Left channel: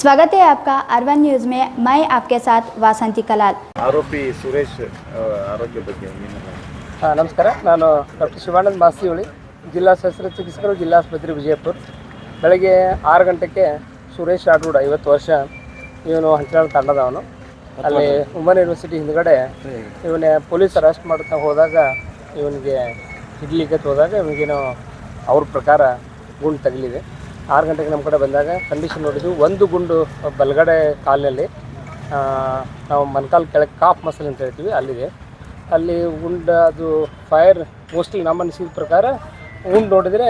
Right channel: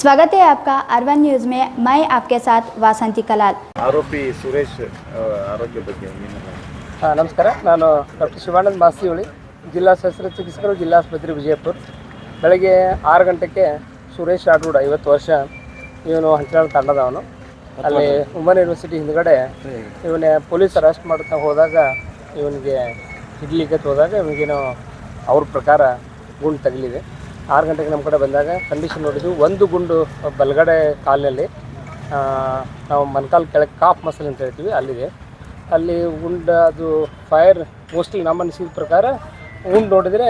स्वागत है आपका अर्बन न्यूज़ में। मैं आपके साथ वासंती कलाल। आरोपी सुरेश आरोग्य ಬಗ್ಗೆ ನಮಸ್ಕಾರ. ನಾನು ಡಾಕ್ಟರ್ ಶಿವಾನಂದ ಮಾಸ್ತಿಹೊಳಿ, ಜಿಲ್ಲಾ ಶಸ್ತ್ರಚಿಕಿತ್ಸಕರು, ಜಿಲ್ಲಾಸ್ಪತ್ರೆ ವಿಜಯಪುರ. ಬೆಳಗ್ಗೆ 6 ಗಂಟೆಗೆ ಸುರೇಶ್ ಆಡೂಡ್ 50 ವರ್ಷ, ಇವನು ಹಂಚಿನಾಳ ತಂಡದವನು. ಅಲ್ಲಿ ವುಮನ್ ಯೂನಿವರ್ಸಿಟಿ ಹಿಂದ್ಗಡೆ ಇವನೇ ಪೊಲೀಸ್ ಅರೆಸ್ಟ್ ಮಾಡ್ತಾ ಹೋದಾಗ ಇವನಿಗೆ ಹಿಡ್ಲಿಕ್ಕೆ ಹೋದಾಗ ಇವನಿಗೇನೋ ಅವ್ರ ಪ್ರಕಾರ ಗುಂಡು ತಗಲಿದೆ. 6 ಗಂಟೆಗೆ ನಮ್ಮ ಕಡೆ ಬಂದಾಗ ಕಂಡೀಷನ್ ನೋಡಿದ್ವಿ. ಒಂದು ಗುಂಡು ಬಲಗಡೆ ಕಾಲಿನಲ್ಲಿ, ನಾವು ಮೊಣಕಾಲು ಕೆಳಗೆ ಕಾಫ್ ಮಸಲ್ ಅಂತ ಹೇಳ್ತೀವಿ, ಅಲ್ಲಿದೆ. ಅಲ್ಲಿ ಗುಂಡು ಅದು ಫೈರ್ ಮೋಸ್ಟ್ಲಿ ನಮ್ಮ ಅನಿಸಿದ ಪ್ರಕಾರ ಗುಂಡು ನೋಡಿದರೆ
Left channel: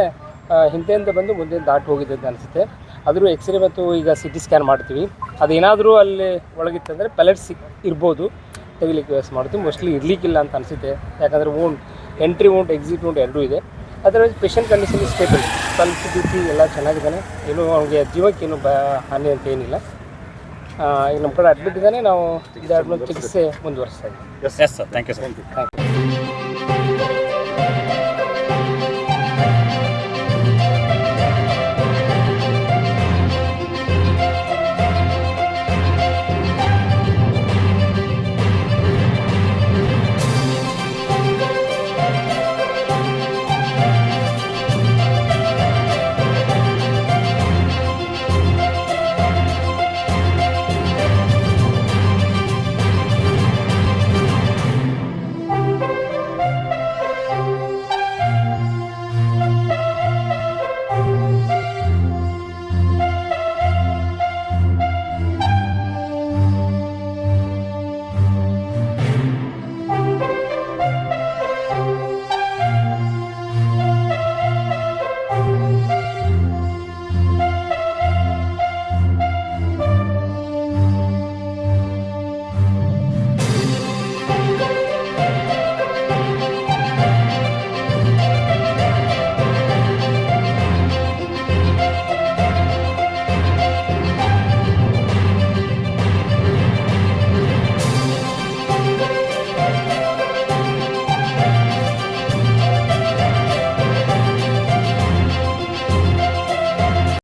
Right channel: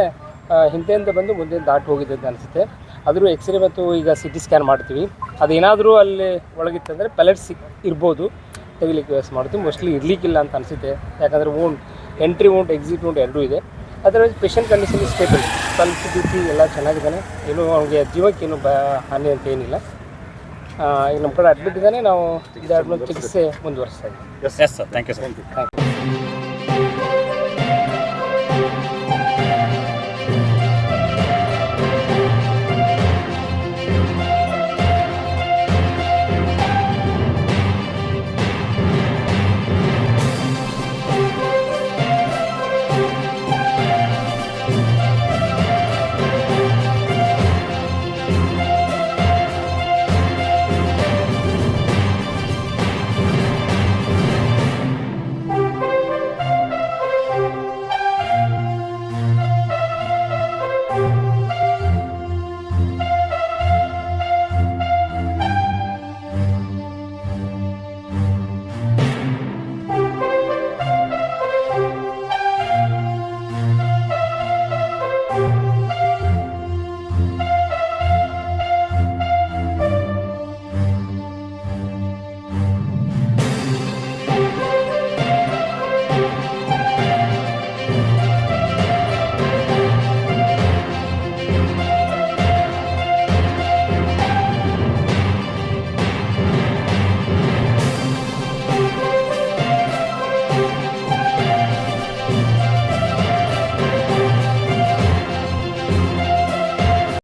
ಹಿಂದೆಯಿಂದ ಬಂದು ಮುಂದೆ ದಾಟಿ ಹೋಗಿದೆ ಅಂತ ಅನಿಸುತ್ತೆ. ಆದರೂ ಎಕ್ಸ್ರೇ ಮತ್ತು ಈಗ CT ಸ್ಕ್ಯಾನ್ ಮಾಡ್ತೀವಿ. ಅದೇನಾದರೂ ಅಲ್ಲಿ ಒಳಗಿತ್ತಂದರೆ ಪೆಲೆಟ್ಸ್ ಇರ್ಬೋದು, ತೆಗಿಲಿಕ್ಕೆ ವ್ಯವಸ್ಥೆ ಮಾಡ್ತೀವಿ. ಮೋಸ್ಟ್ಲಿ ಇರಲಿಕ್ಕಿಲ್ಲ ಅಂತ ಅನಿಸುತ್ತೆ, ಯಾಕಂದರೆ ಎಂಟ್ರಿ ವೂಂಡ್ ಎಕ್ಸಿಟ್ ವೂಂಡ್ ಎರಡೂ ಇದೆ. ಅದರಲ್ಲಿ patient condition stable, pulse BP ಎಲ್ಲ ಚೆನ್ನಾಗಿದ್ದಾನೆ. ಏನು ಅವನಿಗೆ ಜೀವಕ್ಕೇನು ಹಾನಿ ಅಂತ ಏನಿಲ್ಲ. ಈಗ ನಮ್ಮ ಕಡೆ ಅಡ್ಮಿಟ್ ಇದ್ದಾನೆ. ನಾವು ಚಿಕಿತ್ಸೆ ಮುಂದುವರಿಸ್ತಾ ಇದ್ದೀವಿ. Yes sir, thank you sir.